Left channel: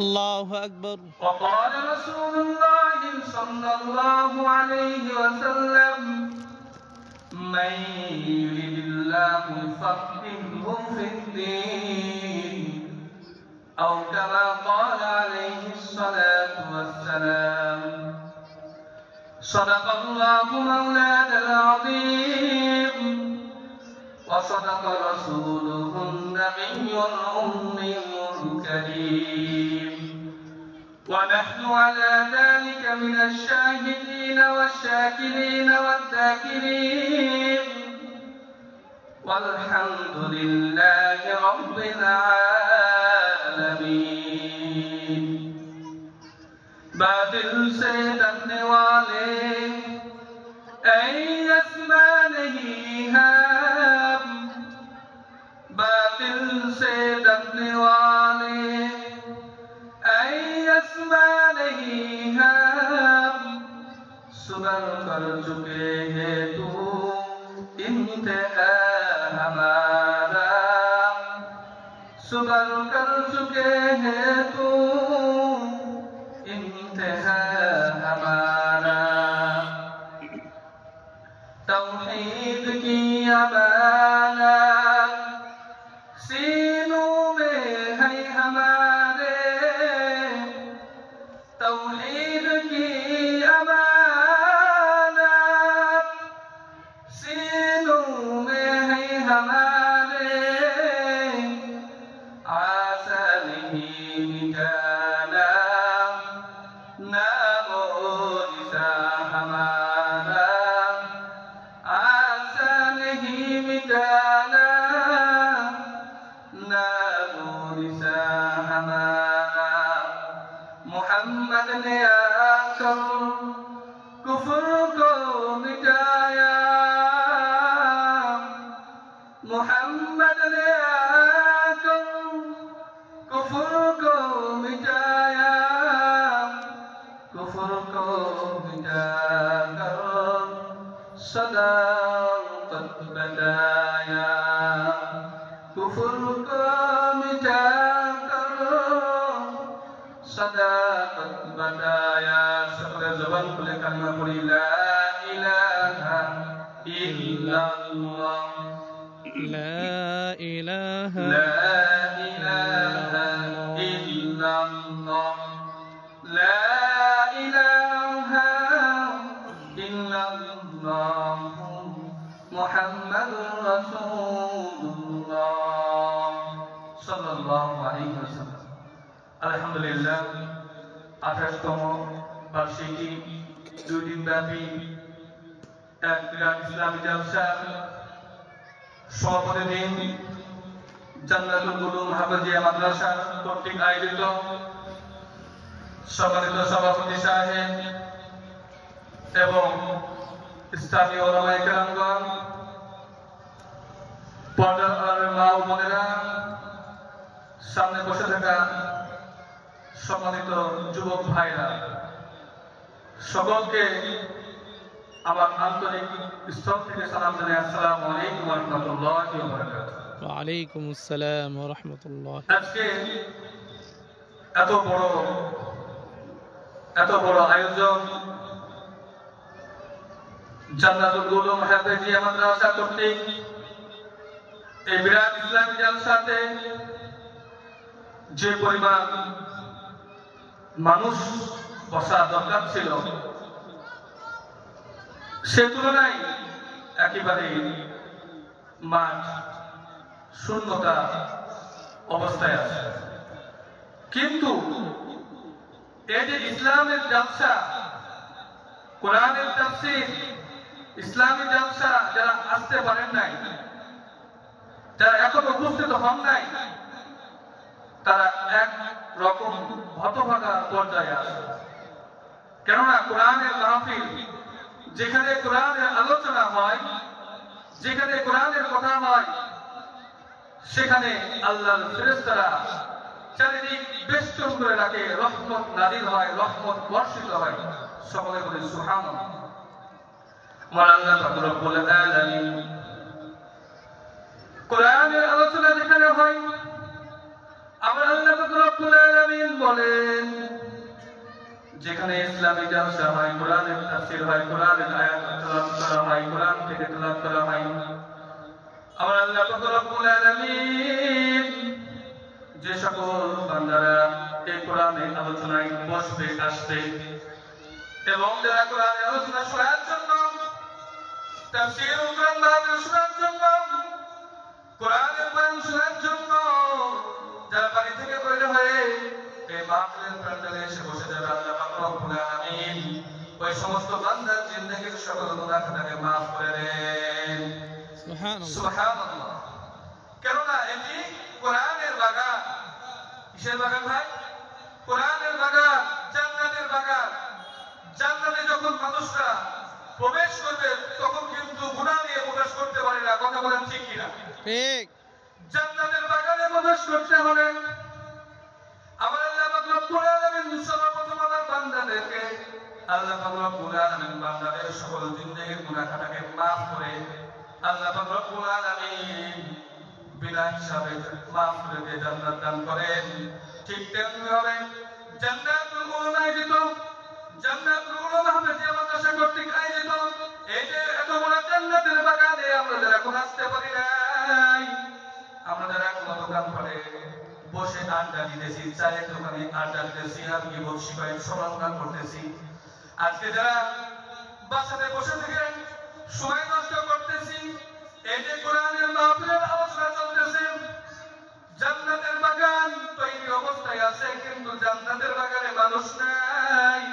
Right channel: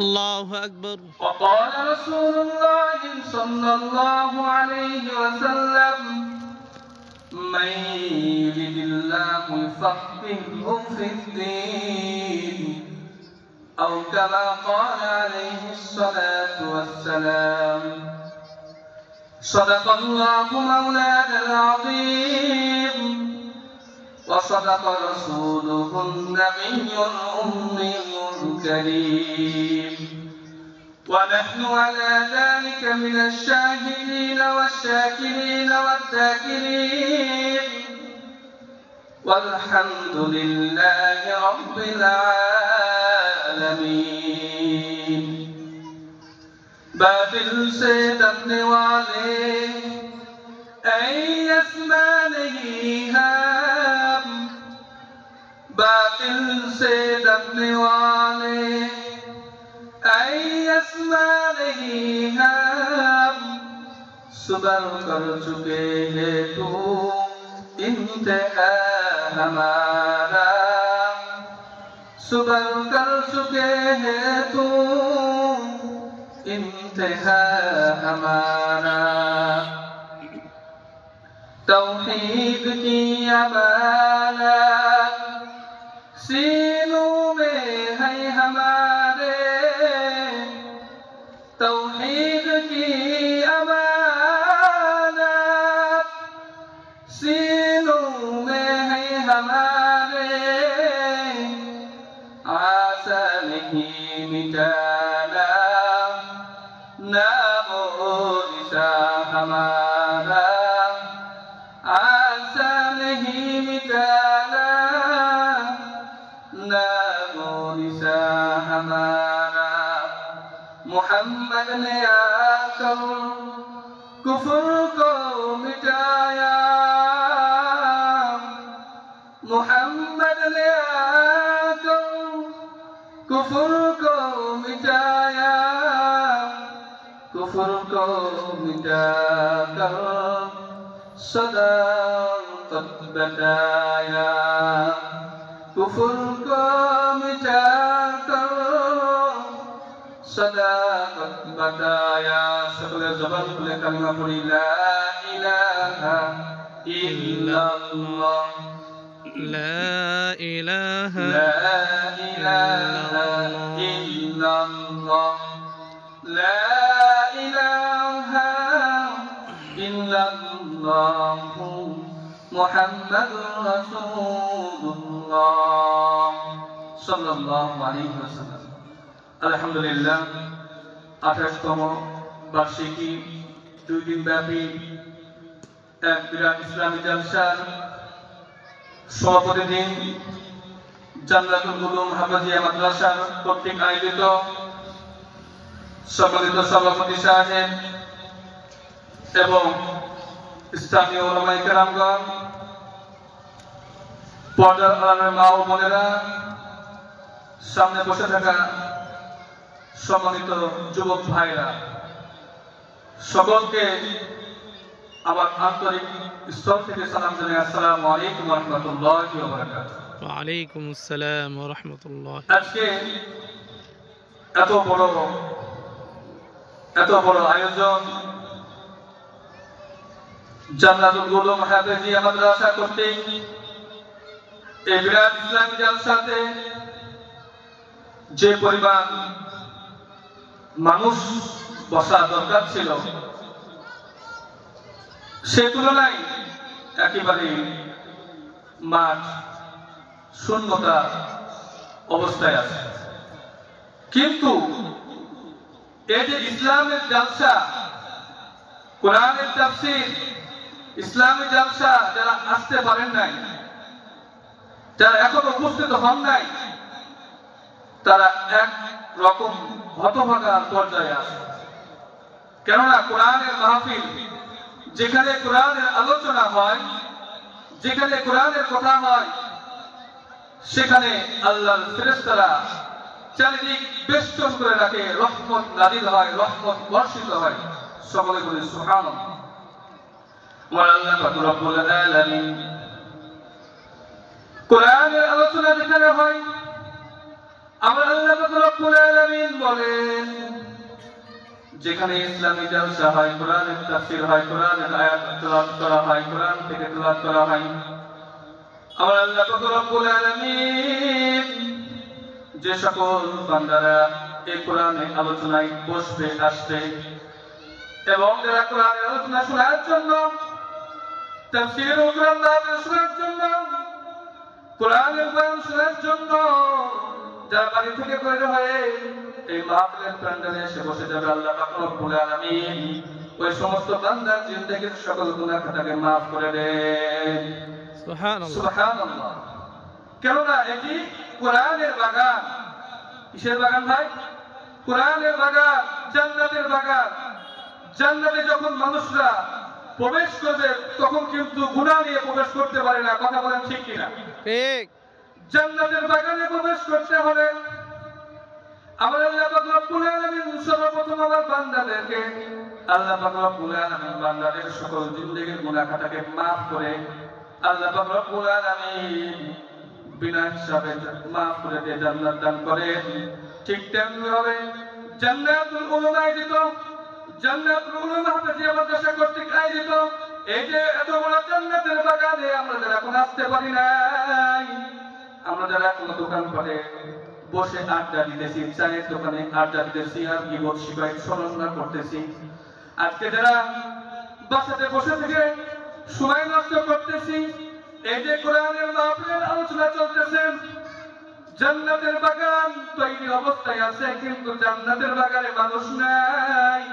الله أكبر. وقال رسول الله صلى الله عليه وسلم من يرد الله يفقهه في الدين أو كما قال عليه الصلاة والسلام صدق الله مولانا العظيم وصدق رسوله النبي الأمي الكريم ونحن على ذلك من الشاهدين والشاكرين والذاكرين والحمد لله رب العالمين बातिल से डरने वाले ऐस्मा नहीं है बातिल से डरने वाले ऐस्मा नहीं है सुबर कर चुके हैं तू इंतहा हमारा सुबर कर चुके हैं तू इंतहा हमारा तौहीद की अमानत सीनों में है हमारे तौहीद की अमानत सीनों में है हमारे आशा नहीं मिटाना नामोनिशा हमारा आशा नहीं मिटाना नामोनिशा हमारा मोहम्मद ने आकर कुफ्र को मिटाया मोहम्मद ने आकर कुफ्र को मिटाया कुफ्र को मिटाकर सदाकत बताया कुफ्र को मिटाकर सदाकत बताया सबले ज़बान खुले कलमा पढ़ी ला इलाहा इल्लल्लाह لا إله إلا الله لا إله إلا الله محمد رسول الله صلى الله عليه وسلم الحمد لله 28তম বার্ষিকী 2 দিন ব্যাপী এক বিরাট ইসলামী জলসার সমাপনী দিন জান্নাতুল উলুম হাফেজিয়া মাদ্রাসা কর্তৃক আয়োজিত সম্মানিত সভাপতি সাহেব এবং স্থানীয় উলামায়ে কেরামগণ পর্দার আড়ালের মা ও বোনেরা সামনে বসে থাকা সম্মানিত যুবক ভাইরা সকলকে আমার আন্তরিক স্তর থেকে সালাম জানাই আসসালামু আলাইকুম ওয়া রাহমাতুল্লাহি ওয়া বারাকাতুহু ওয়া আলাইকুম আসসালাম ওয়া রাহমাতুল্লাহ। আজকে এত বড় আয়োজন জান্নাতুল উলুম হাফেজিয়া মাদ্রাসা কর্তৃক এই বিরাট ইসলামী জলসাতে যে পরিমাণ মানুষ বসা দরকার ছিল সে তুলনায় একেবারে মাঠ শূন্যতা অবস্থায় আছে কিন্তু এই যে ইসলামের জলসা কোরআনের তাফসীর ইসলামী জলসা যারা আসতে পারেন নাই যারা এখন উপস্থিত হন নাই তারা এক রকম হতভাগা পর্যায়ে আছে কেননা কোরআনের মাহফিল যেখানে কোরআনের আলোচনা হয় যেখানে কোরআনের কথা হয় সেখানে আল্লাহর ফেরেশতারা চারিদিক বেষ্টন করে রাখে রহমত নাযিল হয় রহমত বর্ষিত হয় সকলে বলে সুবহানাল্লাহ ওয়া আল্লাহ পাক রব্বুল আলামিন কোরআনের আলোচনা যেখানে হয় আমার আল্লাহ পাক রব্বুল আলামিন বলেন, যেখানে ইসলামী জালসা হয়, কোরআনের তাফসীর হয়, কোরআনের আয়াত তেলাওয়াত করা হয়, কোরআন থেকে তেলাওয়াত করা হয়, আমার আল্লাহ পাক রব্বুল আলামিন যে সকল বান্দারা এই কোরআনের আলোচনায় বসবে, আসবে এবং যারা কোরআনের আলোচনা শোনার জন্য, তাফসীর ও কোরআন নাযিল শোনার জন্য, কোরআনের বয়ান শোনার জন্য যারা বাড়ি থেকে বের হয়ে এই মাহফিলের প্রাঙ্গণে এসে বসে যাবে, আল্লাহ পাক রব্বুল আলামিন ওই সমস্ত বান্দার জিন্দেগীর সকল গুনাহ খাতাকে মাফ করে দেন। সুবহানাল্লাহ। সুবহানাল্লাহ। কেননা এটি কোরআনের বাগান। কিসের বাগান ভাই? কোরআনের বাগান, জান্নাতের বাগান। জান্নাতে যখন মানুষরা প্রবেশ করবে তখন কিন্তু গুনাহ নিয়ে প্রবেশ করতে পারে না। কথা বলেন ঠিক কিনা? ঠিক। জান্নাতের বাগানে প্রবেশ করতে হলে আমার আল্লাহ পাক রব্বুল আলামিন সর্বপ্রথম আমার বান্দাদেরকে, আল্লাহ পাক রব্বুল আলামিন বান্দাদের সকল জিন্দেগীর গুনাহ খাতাকে মাফ করে আল্লাহ পাক রব্বুল আলামিন বিনা হিসাবে মাফ করে দিয়ে জান্নাত দান করেন। ঠিক তেমনি ভাবে জান্নাতুল উলুম আয়োজিত, জান্নাতুল উলুম হাফেজিয়া মাদ্রাসা কর্তৃক আয়োজিত এই যে এত বড় জান্নাতের বাগানে আমরা যারা এখন আসতে পারি নাই, আমরা যারা কোনো দোকানপাটে বসে আড্ডা দিতেছি, চায়ের দোকানে আড্ডা দিতেছি, আর বিপদ শিকায় সমাধান করতেছি, আজকে যারা বাসাতে বসে থেকে সময় নষ্ট করতেছি, এই যে কোরআনের মাহফিলের আলোচনা চলতেছে, জান্নাতের বাগান তৈরি অবস্থায় আছে কিন্তু জান্নাতের বাগানে মানুষ নাই।